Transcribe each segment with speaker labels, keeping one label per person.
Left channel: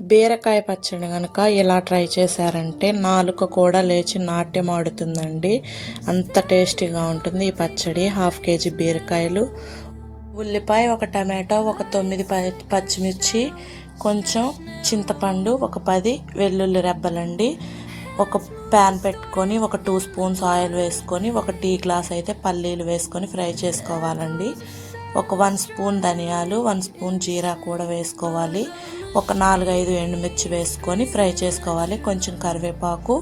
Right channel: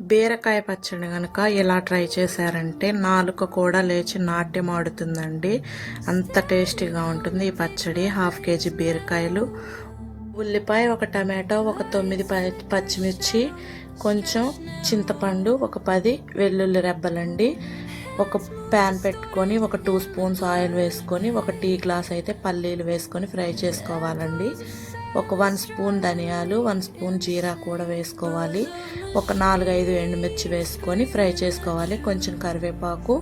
Speaker 1: బీరకాయ పచ్చడి కనుక ఇలా ట్రై చేశారంటే నాలుక కూడా లేచి నాట్యం ఆడుతుందండి. అంత టేస్టీగా ఉంటుంది ఈ పచ్చడి. హాఫ్ కేజీ బీరకాయలు. ఉల్లిపాయ ఒక టమాటో ఒక తొమ్మిది పచ్చిమిర్చి కొంచెం చింతపండు ఒక పది వెల్లుల్లి రెబ్బలండి. ఒక ప్యాన్ పెట్టుకొని ఒక టూ స్పూన్స్ ఆయిల్ వేసుకొని ఒక టీ గ్లాస్ అయితే పల్లీలు వేసుకొని ఫ్రై చేసుకోవాలండి. ఒక వన్ స్పూన్ ధనియాలు వన్ స్పూన్ జీరా కూడా వేసుకోవాలి. ఒక నాలుగైదు ఎండుమిర్చి వేసుకొని ఫ్రై చేసుకోవాలి. కొంచెం కరివేపాకు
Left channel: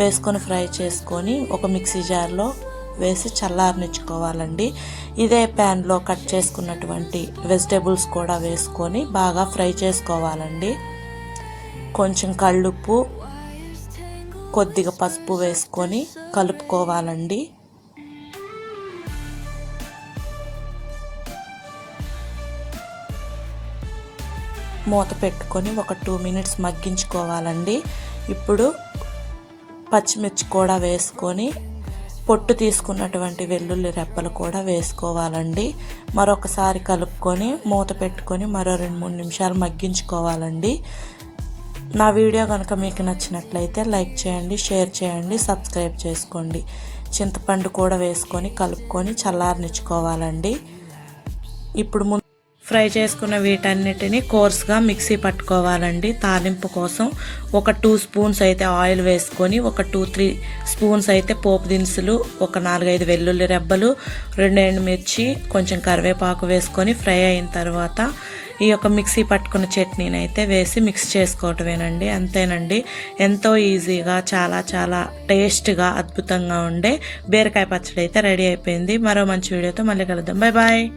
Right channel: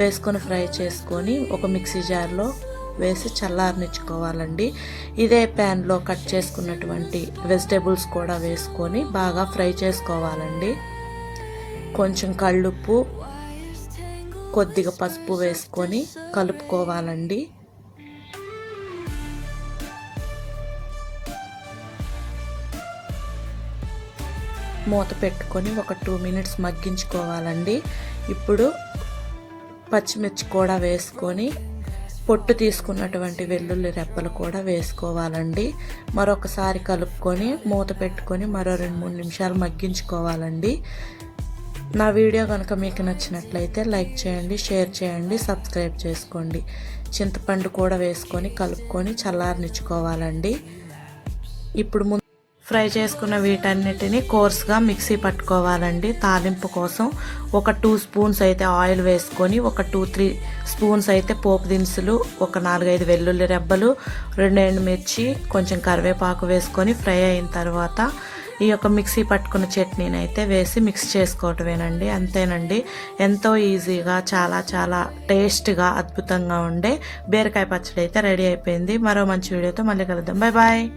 Speaker 1: వేసుకొని ఫ్రై చేసుకొని ఒక మిక్సీ జార్లో వేసి చల్లారనిచ్చుకోవాలండి. ఇదే ప్యాన్లో కట్ చేసుకున్నటువంటి వెజిటేబుల్స్ కూడా వేసుకొని బాగా ఫ్రై చేసుకోవాలండి. కొంచెం కళ్ళుప్పు కొద్దిగా పసుపు వేసుకొని కలుపుకోవాలండి. మూత పెట్టుకొని ఒక టూ మినిట్స్ మగ్గించుకోవాలండి. ఇప్పుడు పచ్చిమిర్చి కూడా వేసుకొని పొట్టు తీసుకున్నటువంటి వెల్లుల్లి రెప్పలు కూడా వేసుకోవాలండి. మరొకసారి కలుపుకొని మూత పెట్టుకొని మరో రెండు మూడు నిమిషాలు మగ్గించుకోవాలండి. నా వీడియో కనుక మీకు నచ్చినట్లయితే లైక్ చేయండి షేర్ చేయండి సబ్స్క్రైబ్ చేసుకోండి. చింతపండు కూడా వేసుకొని కలుపుకొని చల్లారనిచ్చుకోవాలండి. ఇప్పుడు ముందు ఫ్రై చేసుకున్న వీటన్నిటిని కోర్స్గా మిక్సీ పట్టుకోవాలండి. తాలింపు కోసం ఒక టూ స్పూన్స్ అయితే ఆయిల్ వేసుకొని ఒక టూ త్రీ స్పూన్స్ అయితే పోపు దినుసులు ఒక నాలుగైదు వెల్లుల్లి రెబ్బలు రెండు ఎండుమిర్చి కొంచెం కరివేపాకు వేసుకొని ఫ్రై అయిన తర్వాత ఈ యొక్క మిక్సీ పట్టుకున్న చట్నీని అయితే వేసి మిక్స్ చేసుకోవటమేనండి. అంతేనండి. ఎంతో ఈజీగా చాలా చాలా టేస్ట్గా అద్భుతంగా ఉండే బీరకాయ పచ్చడి అయితే రెడీ అయిపోయింది. మరో మంచి వీడియోతో మళ్ళీ కలుద్దాం. Bye bye.